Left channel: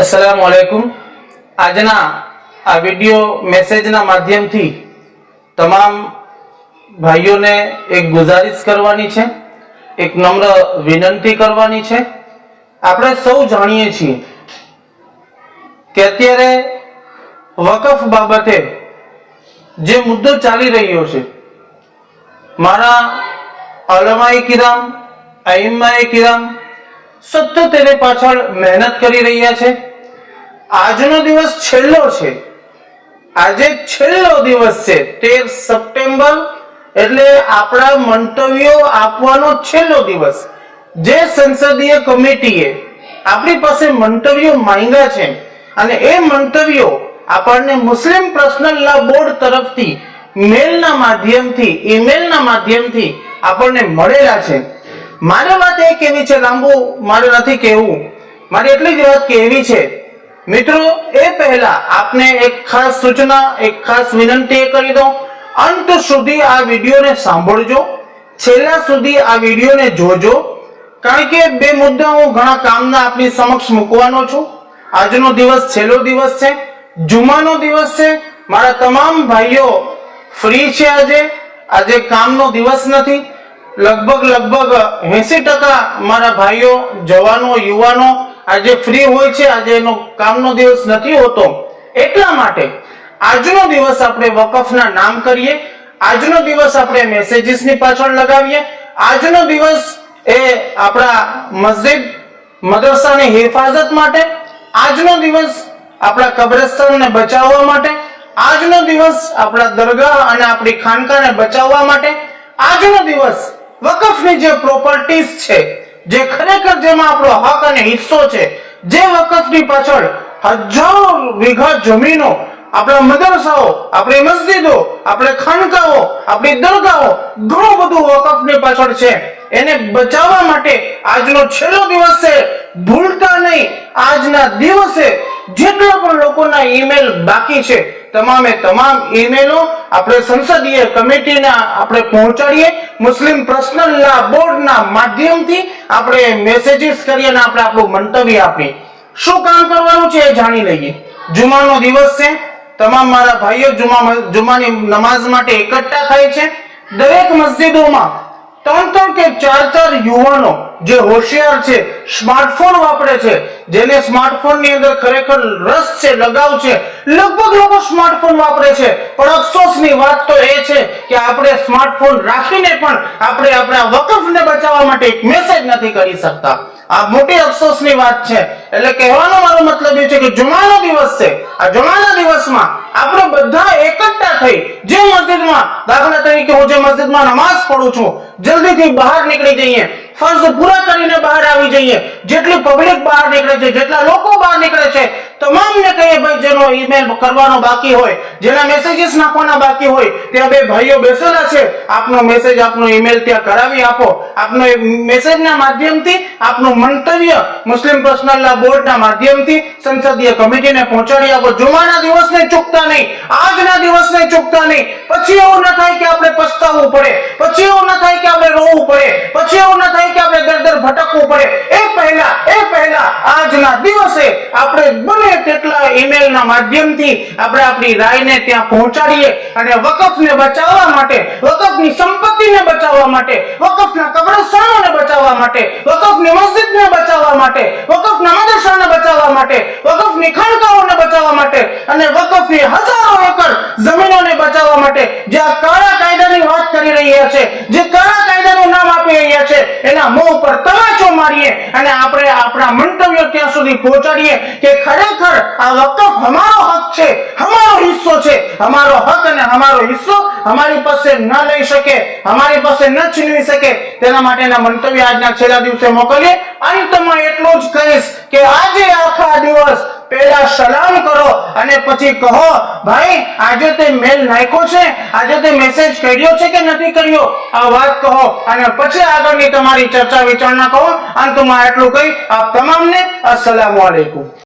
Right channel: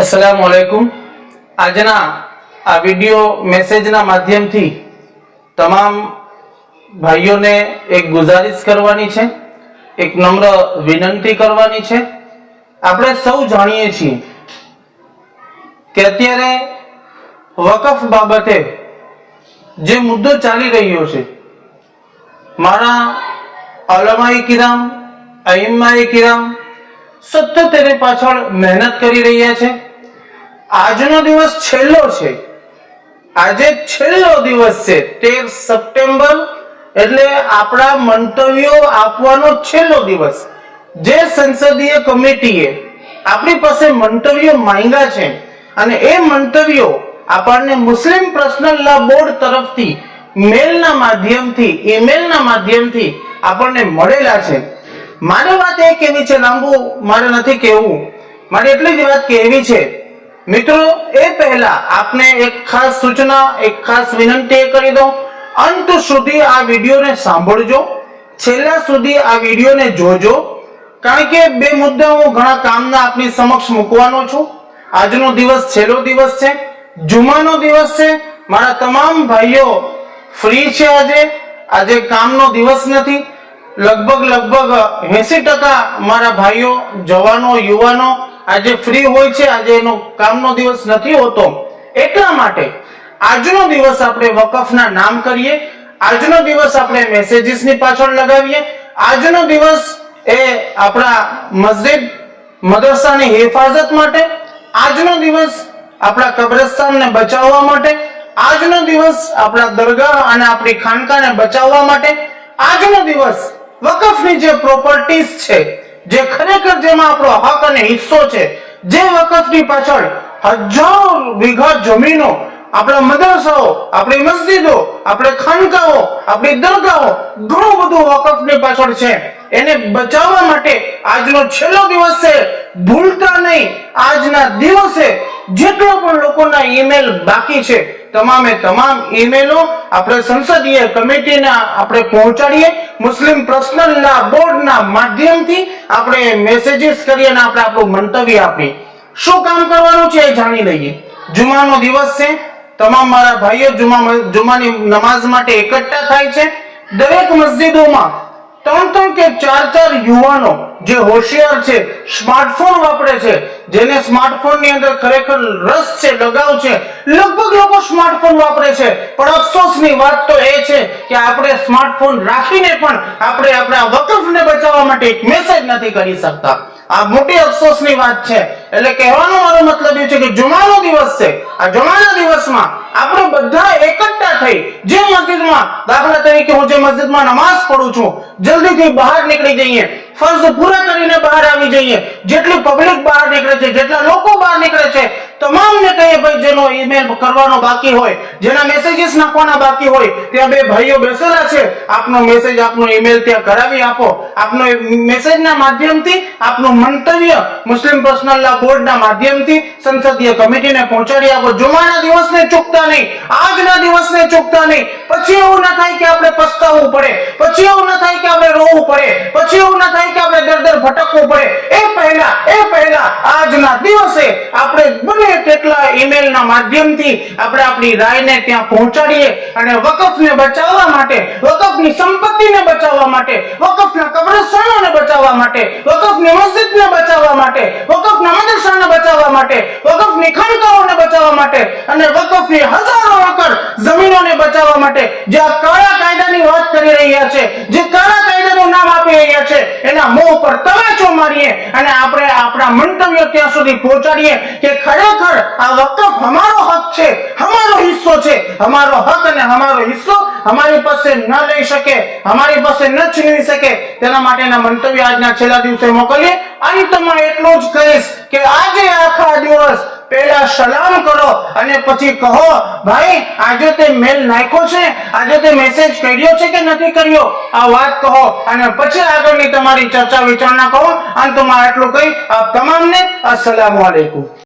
અસલામ વાલેકુમ આજના આ વિડિયો મેસેજના માધ્યમથી તમામ ભાઈઓને એક ગુજારિશ કરવાની છે, એક નમ્ર વિનંતી કરવાની છે. આપણે સૌ જાણીએ છીએ કે અત્યારે વકફ બાબતે જે મુદ્દો ચાલી રહ્યો છે, મારા અલમાએ કિરામ અહિમ્માએ કિરામ, સતત તેની પાછળ મહેનત કરી રહ્યા છે. આજનો દિવસ છેલ્લો છે. આજે છેલ્લો દિવસ છે, તેર સપ્ટેમ્બર, એટલે આપણા મંતવ્યો આપવાનો છેલ્લો દિવસ. જે સંસદીય કમિટીએ આપણી પાસે મંતવ્યો માંગ્યા છે, અને એ મંતવ્યો આપણને મુસ્લિમ પર્સનલ લા બોર્ડ તરફથી મેલના માધ્યમથી, ઈમેલના માધ્યમથી આપણને મળેલા છે. મારી વાત એ કેવી છે, લાંબુ મારે નથી કહેવું. મારે એટલી જ વાત કહેવી છે મિત્રો, એ પહેલા આપને એક ખાસ સૂચના, એક ખાસ વિનંતી કરી દઉં. અંત સુધી આ વિડીયોને સાંભળજો. છેલ્લા સુધી આ વિડીયોને જોજો. કારણ કે બે મુદ્દા હું ઘણા કામના આપની સમક્ષ મૂકવાનો છું. આજનો દિવસ છેલ્લો દિવસ છે. જુમાનો દિવસ છે. મારા તમામ ભાઈઓ ફ્રી છે આજે. આજે કામનો દિવસ નથી. લગભગ લગભગ એંસી ટકા મારા ભાઈઓ, જવાનો, યુવાનો આજે ફ્રી હોય છે, આજે એનો કામનો દિવસ નથી હોતો. એટલા માટે આજનો દિવસ આપણે વકફના નામ કરીએ, આજનો દિવસ આપણે મેસેજીસની પાછળ લગાવીએ, આજનો દિવસ એ આપણા મસ્જિદ, મદરસાની હિફાજત માટે, આજનો દિવસ આપણા કબ્રસ્તાનને બચાવવા માટે, આજનો દિવસ આપણા દરગાહ અને આપણી ખાનકાને બચાવવા માટે, આજનો દિવસ વકફની જે પ્રોપર્ટીઝ છે જે ખરેખર જેમાં આપણો હક અને હિસ્સો છે, જે વકફની પાછળ હજારો વીઘા જમીનો, આપણા મદરસાઓ, આપણી મસ્જિદો, આપણે ખાનકાઓ, આપણી દરગાહો, ઘણું બધું વકફની પાછળ છે. એને બચાવવા માટે આજનો છેલ્લો દિવસ છે. ભૂલતા નહીં. આજના દિવસે જેટલા પણ લોકોના ઈમેલ બાકી છે, તમામે તમામ ઈમેલો આપણે સંસદીય કમિટીના આપણે પહોંચાડીએ. મુસ્લિમ પર્સનલ લા બોર્ડના માધ્યમથી આપણે મેસેજીસ કરી અને આપણે આપણું મંતવ્ય આપીએ. શું કામ કરવાનું છે એ જાણી લઈએ. જુમાનો દિવસ છે. તમામ મારા ભાઈઓ જુમા જુમાની નમાઝ માટે એકઠા થાય છે. દરેક મસ્જિદોમાં ત્રણ ત્રણ કે ચાર ચાર યુવાનો જે હોશિયાર છે, સ્માર્ટફોન વાપરે છે, જેને સ્માર્ટફોનની અંદર ખરેખર રસ છે, લગાવ છે, લગભગ લોકો સ્માર્ટફોન વાપરે છે. પણ અફસોસની વાત તો એ છે કે આપણે સ્માર્ટફોન રાખીને પણ આપણે આપણા વકફને બચાવવા માટે એક મેસેજ નથી કરી શકતા. આ મોટી અફસોસની વાત છે. એટલે કહેવાનો મારો મતલબ એ છે કે જુમાનો દિવસ છે. આ જુમાના દિવસમાં આપણે બધા એકઠા થઈ જે મસ્જિદમાં દાખલા તરીકે હું જે મસ્જિદમાં નમાઝ પઢું છું, જલ્દીથી બહાર નીકળી જઈએ. ફરજ પૂરા કરીને બહાર આવી જઈએ. જેટલી પબ્લિક બહાર નીકળે છે, જેટલા લોકો બહાર નીકળે છે તમામને કહીએ ભાઈ, જેનો ઈમેલ કરવાનો બાકી હોય, જેના મેસેજીસ નાખવાના બાકી હોય, ત્યાં બે ભાઈઓ બેસેલા છે. આપનો મેસેજ આપનો ઈમેલ ત્યાં કરાવી આપો. આપનો મેસેજના માધ્યમથી, આપનું મંતવ્ય મુસ્લિમ પર્સનલ લા બોર્ડના માધ્યમથી સંસદીય કમિટીને પહોંચાડી આપો. જુમાના દિવસને ચૂકતા નહીં, આજના દિવસને ચૂકતા નહીં. પછી એવું ના થાય કે આપણે પસ્તાવવું પડે, પછી એવું ના થાય કે આપણે રોવું પડે, પછી એવું ના થાય કે આપણે દર દર ભટકવું પડે. એ પહેલા એ પહેલા આજના દિવસે આપણે બને તેટલા ઈમેલના માધ્યમથી આપણે આપણી રાયને ત્યાં પહોંચાડીએ અને વકફને બચાવવા માટે, વકફની સંપત્તિને બચાવવા માટે, વકફના કબ્રસ્તાનોને બચાવવા માટે, વકફની મસ્જિદને બચાવવા માટે, વકફના મદરસાને બચાવવા માટે, વકફની ખાનકાઓને બચાવવા માટે અને વકફની હજારો એકર જમીનોને બચાવવા માટે જે આ કાળા કાયદાની વાત કરી રહ્યા છે, જે કાળા કાયદાનું નામ આપી રહ્યા છે. એના મોં પર તમાચો મારીએ અને આપણે આપણા મંતવ્યો ત્યાં સુધી પહોંચાડીએ કે ખરેખર આ વકફ અમારો હક છે, અમારો હિસ્સો છે. અમારો હક અને અમારો હિસ્સો અમારી પાસે ન લઈ શકે, અમારી પાસે ન છીનવી શકે. તેના માટેના મંતવ્ય આજના છેલ્લા દિવસે મોકલીએ. અંતમાં એટલું જ કહીશ કે આજે આખા દિવસ પહેલા સલામ કરો અને પછી કહો, ભાઈ, આજે તે મેલ નાખ્યો છે? આજે તે મેસેજ કર્યો છે કે નથી કર્યો? આ વાત કહો અને પછી આગળની તમારી ચર્ચા વિચારણા કહો અંતમાં આટલું કહી, આપ તમામને અસલામ વાલેકુમ